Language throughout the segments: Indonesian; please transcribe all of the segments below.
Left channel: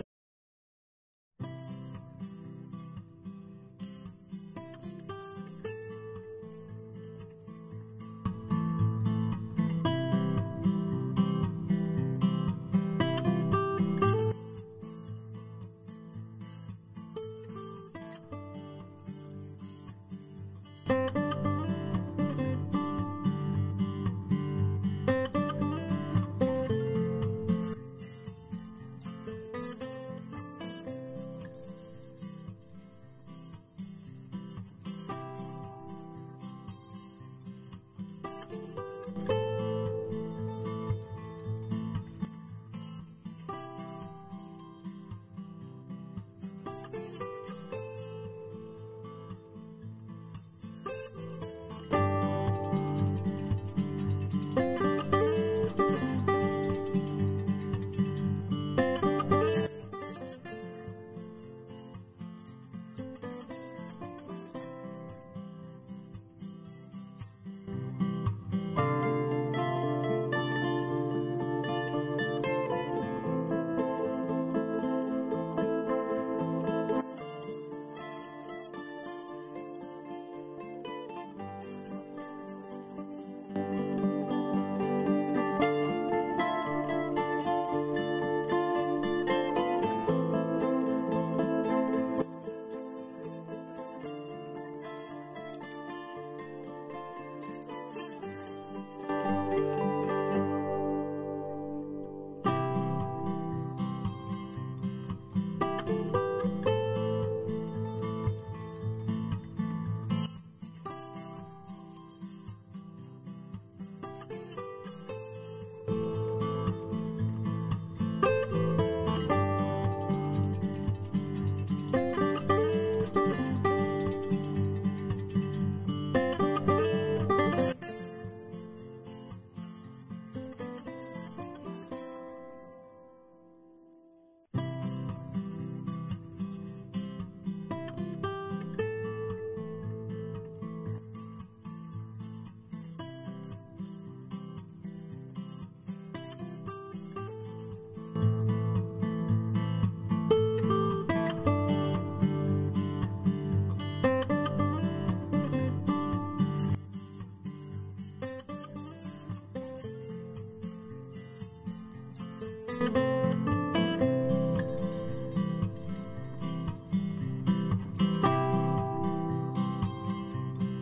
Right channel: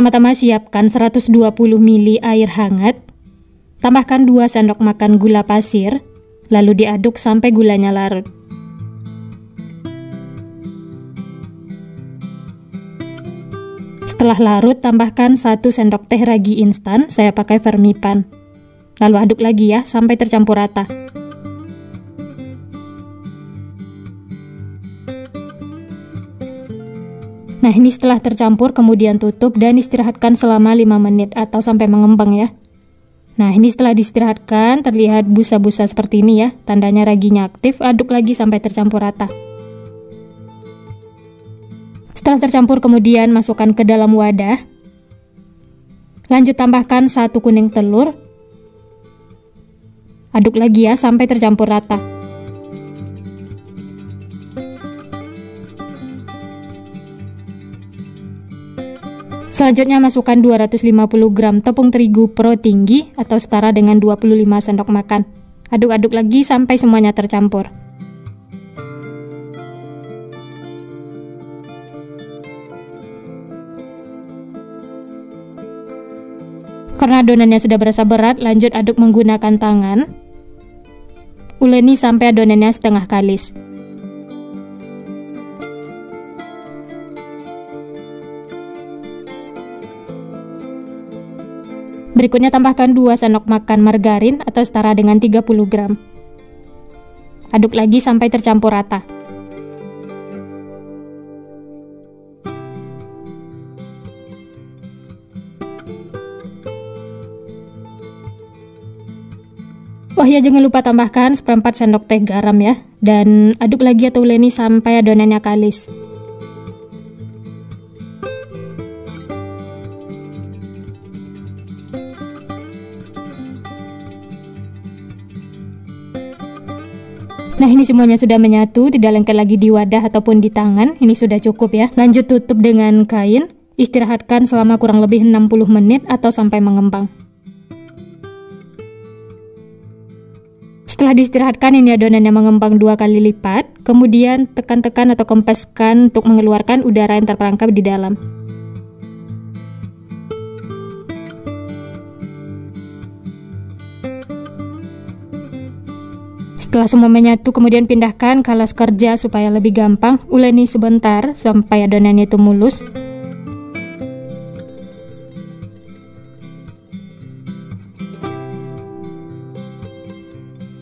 Pertama-tama siapkan 120 ml air hangat, tambahkan 2 sendok makan gula pasir, lalu diaduk sampai gulanya larut. Setelah larut, tambahkan 1 sendok teh ragi instan, saya pakai Fermipan. Lalu aduk lagi ya, sampai tercampur rata. Nah, ini setelah tercampur kemudian tutup dan istirahatkan selama 5 menit atau sampai mengembang ya. Nah, ini setelah diistirahatkan terlihat busa-busa seperti ini ya, tandanya raginya aktif. Aduk lagi sampai tercampur rata. Setelah tercampur kemudian masukkan ke dalam wadah. Lanjut tambahkan 1 kuning telur. Aduk lagi ya sampai tercampur rata. Selanjutnya masukkan 250 gram tepung terigu pro tinggi atau setara dengan 25 sendok makan. Aduk-aduk lagi sampai semuanya tercampur. Karena adonannya sudah berasa berat, lanjut aduk menggunakan tangan. Uleni sampai adonannya setengah kalis. Berikutnya tambahkan 2 sendok makan margarin atau setara dengan 30 gram. Aduk lagi sampai tercampur rata. Oh ya, jangan lupa tambahkan 1/4 sendok teh garam ya. Dan aduk lagi atau uleni sampai adonannya kalis. Nah, ini semuanya sudah menyatu, tidak lengket lagi di wadah ataupun di tangan. Ini sudah cukup ya. Lanjut tutup dengan kain, istirahatkan selama kurang lebih 60 menit atau sampai mengembang. Setelah diistirahatkan, ini adonannya mengembang 2 kali lipat. Kemudian tekan-tekan atau kempeskan untuk mengeluarkan udara yang terperangkap di dalam. Setelah semua menyatu, kemudian pindahkan ke alas kerja supaya lebih gampang. Uleni sebentar sampai adonannya itu mulus.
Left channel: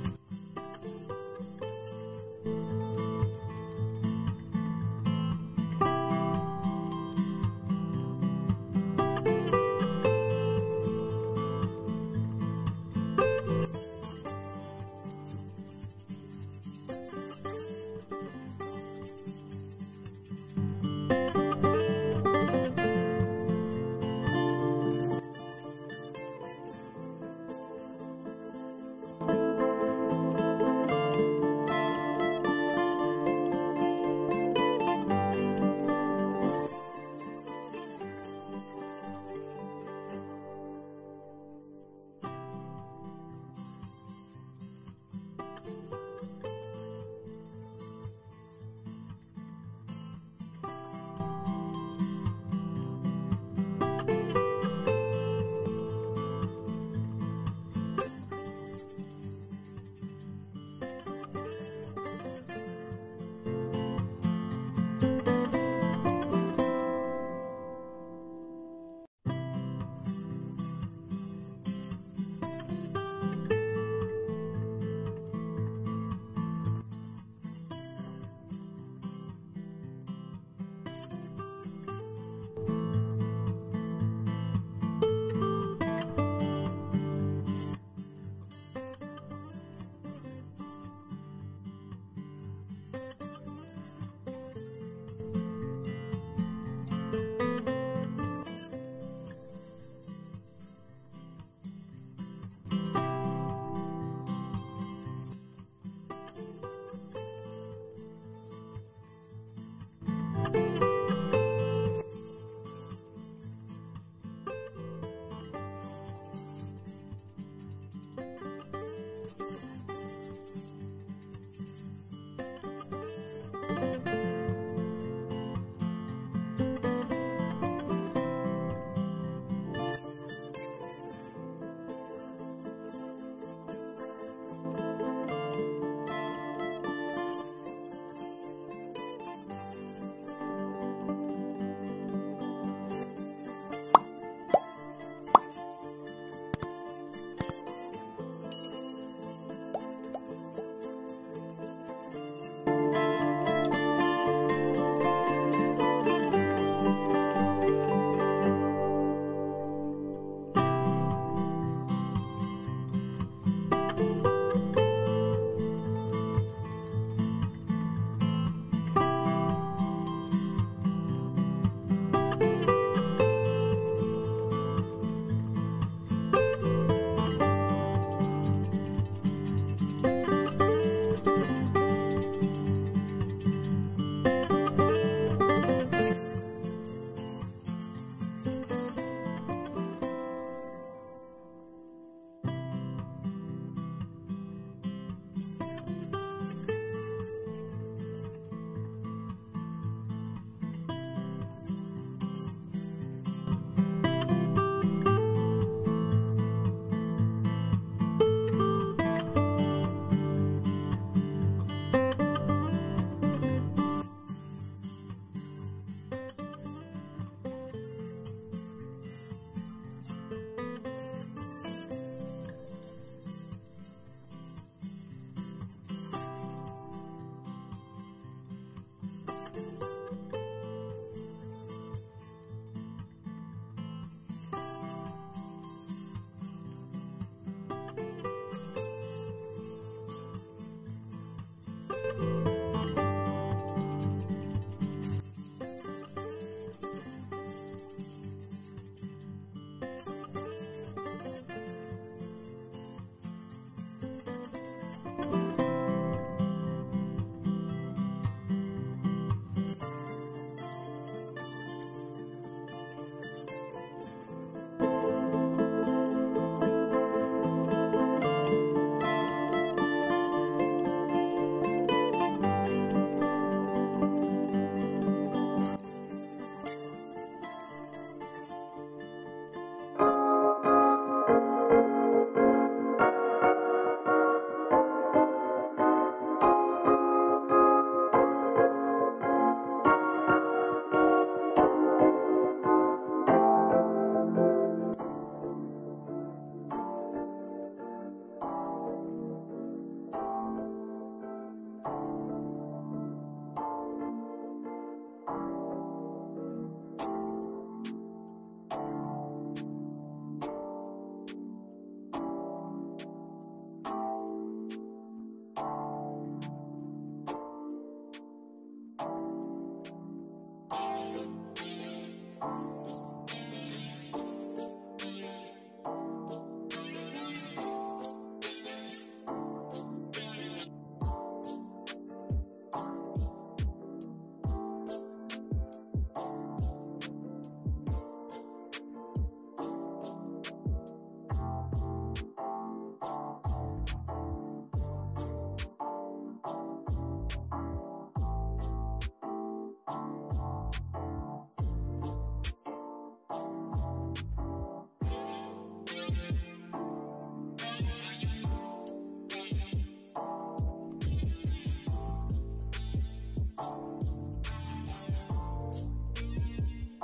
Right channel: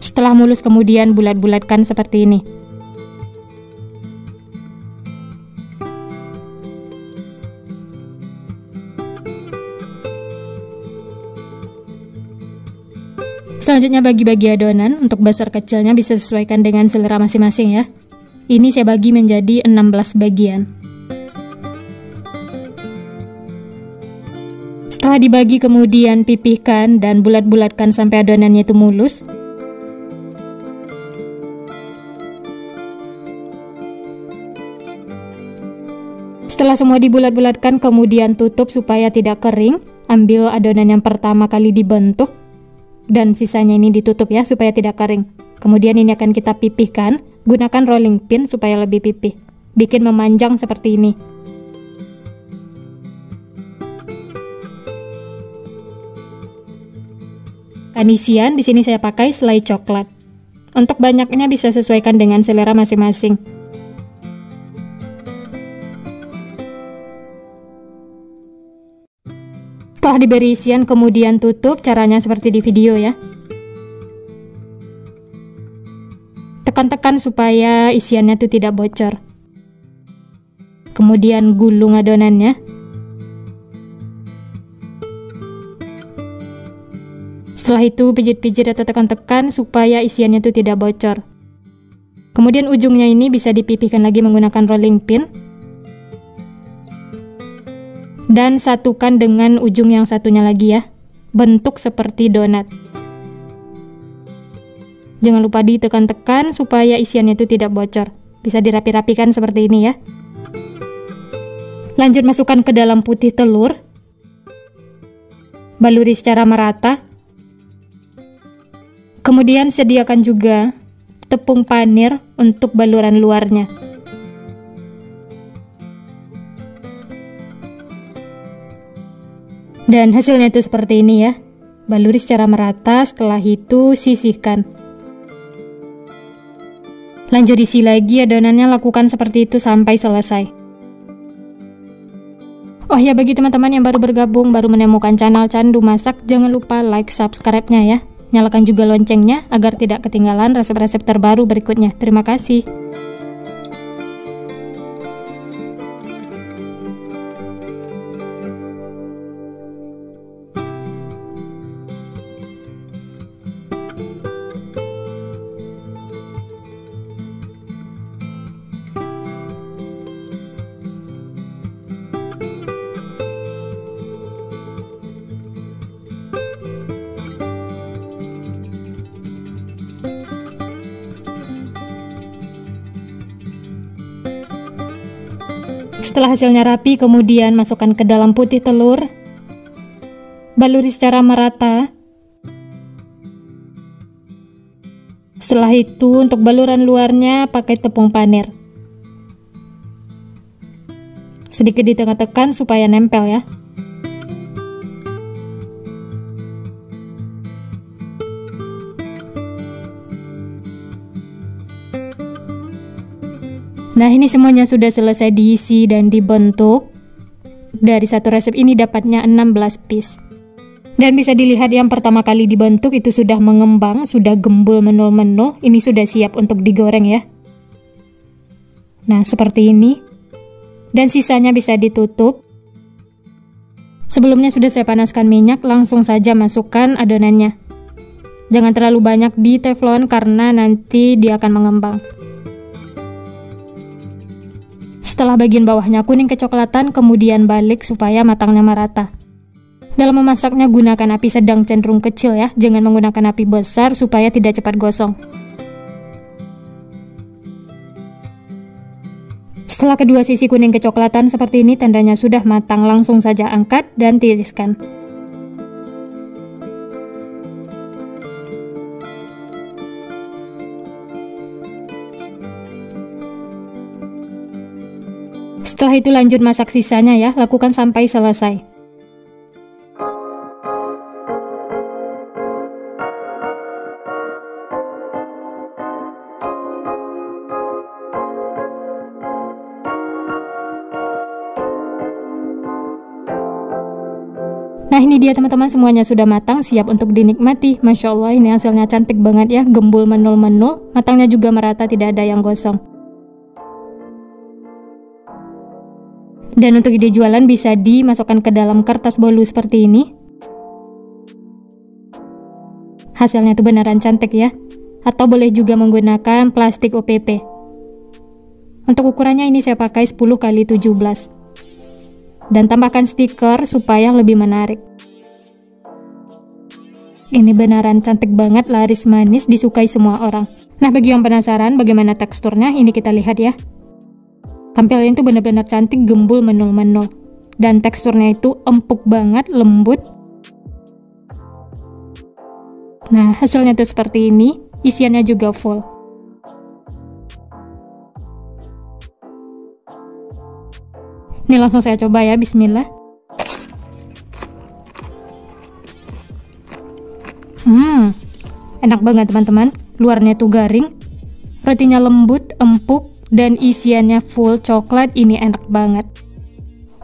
Setelah mulus kemudian bulat-bulatkan seperti ini. Selanjutnya bagi-bagi adonan, untuk besar kecilnya bisa sesuaikan dengan selera masing-masing ya. Ini saya bagi menjadi 16 bagian. Setelah dibagi kemudian pipihkan dan bulat-bulatkan sampai adonannya itu mulus. Setelah semua dibulat-bulatkan kemudian tutup supaya tidak kering. Ambil adonan yang pertama kali dibentuk dan sisanya ini ditutup ya supaya tidak kering. Kemudian ini akan kita pipihkan, gunakan rolling pin supaya lebih pipih. Bikin memanjang seperti ini. Isian di sini saya pakai selai coklat. Untuk banyaknya bisa sesuaikan dengan selera masing-masing. Setelah diberi isian kemudian tutup, caranya seperti di video ya. Tekan-tekan supaya isiannya itu tidak bocor. Kemudian gulung adonannya. Setelah itu pijit-pijit atau tekan-tekan supaya isiannya itu tidak bocor. Kemudian ujungnya ini bisa dipipihkan lagi menggunakan rolling pin. Dan satukan dengan ujung yang satunya lagi ya. Bentuk seperti donat. Jangan lupa ditekan-tekan supaya isiannya itu tidak bocor. Bisa dirapi-rapikan seperti ini ya. Lanjut masukkan ke dalam putih telur. Baluri secara merata. Kemudian sediakan juga tepung panir untuk baluran luarnya. Dan hasilnya itu seperti ini ya. Baluri secara merata, setelah itu sisihkan. Lanjut isi lagi adonannya, lakukan seperti itu sampai selesai. Oh ya, bagi teman-teman yang baru bergabung, baru menemukan channel Candu Masak, jangan lupa like, subscribe-nya ya. Nyalakan juga loncengnya agar tidak ketinggalan resep-resep terbaru berikutnya. Terima kasih. Setelah hasilnya rapi, kemudian masukkan ke dalam putih telur. Baluri secara merata. Setelah itu, untuk baluran luarnya pakai tepung panir. Sedikit ditekan-tekan supaya nempel ya. Nah, ini semuanya sudah selesai diisi dan dibentuk. Dari satu resep ini dapatnya 16 piece. Dan bisa dilihat yang pertama kali dibentuk itu sudah mengembang, sudah gembul menul-menul. Ini sudah siap untuk digoreng ya. Nah, seperti ini. Dan sisanya bisa ditutup. Sebelumnya sudah saya panaskan minyak, langsung saja masukkan adonannya. Jangan terlalu banyak di teflon karena nanti dia akan mengembang. Setelah bagian bawahnya kuning kecoklatan, kemudian balik supaya matangnya merata. Dalam memasaknya gunakan api sedang cenderung kecil ya, jangan menggunakan api besar supaya tidak cepat gosong. Setelah kedua sisi kuning kecoklatan seperti ini, tandanya sudah matang, langsung saja angkat dan tiriskan. Setelah itu lanjut masak sisanya ya, lakukan sampai selesai. Nah, ini dia teman-teman, semuanya sudah matang, siap untuk dinikmati. Masya Allah, ini hasilnya cantik banget ya, gembul menul-menul, matangnya juga merata, tidak ada yang gosong. Dan untuk ide jualan bisa dimasukkan ke dalam kertas bolu seperti ini. Hasilnya itu beneran cantik ya. Atau boleh juga menggunakan plastik OPP. Untuk ukurannya ini saya pakai 10 x 17. Dan tambahkan stiker supaya lebih menarik. Ini beneran cantik banget, laris manis, disukai semua orang. Nah, bagi yang penasaran bagaimana teksturnya, ini kita lihat ya. Tampilannya itu benar-benar cantik, gembul menul-menul. Dan teksturnya itu empuk banget, lembut. Nah, hasilnya tuh seperti ini. Isiannya juga full. Ini langsung saya coba ya, bismillah. Enak banget teman-teman. Luarnya tuh garing, rotinya lembut, empuk, dan isiannya full coklat. Ini enak banget.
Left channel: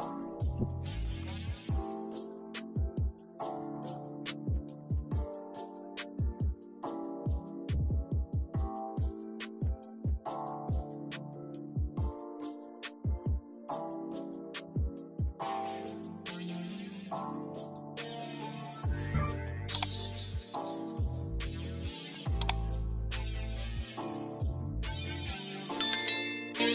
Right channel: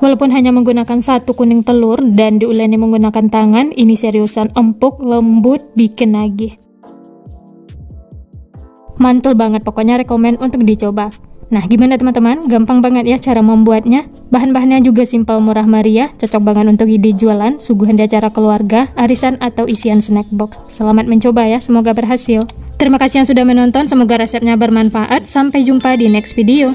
Walaupun hanya menggunakan satu kuning telur dan diuleni menggunakan tangan, ini seriusan empuk, lembut, bikin nagih. Mantul banget, pokoknya rekomen untuk dicoba. Nah, gimana teman-teman? Gampang banget ya cara membuatnya. Bahan-bahannya juga simpel, murah meriah, cocok banget untuk ide jualan, suguhan di acara keluarga, arisan, atau isian snack box. Selamat mencoba ya, semoga berhasil. Terima kasih yang sudah menonton, semoga resepnya bermanfaat. Sampai jumpa di next video.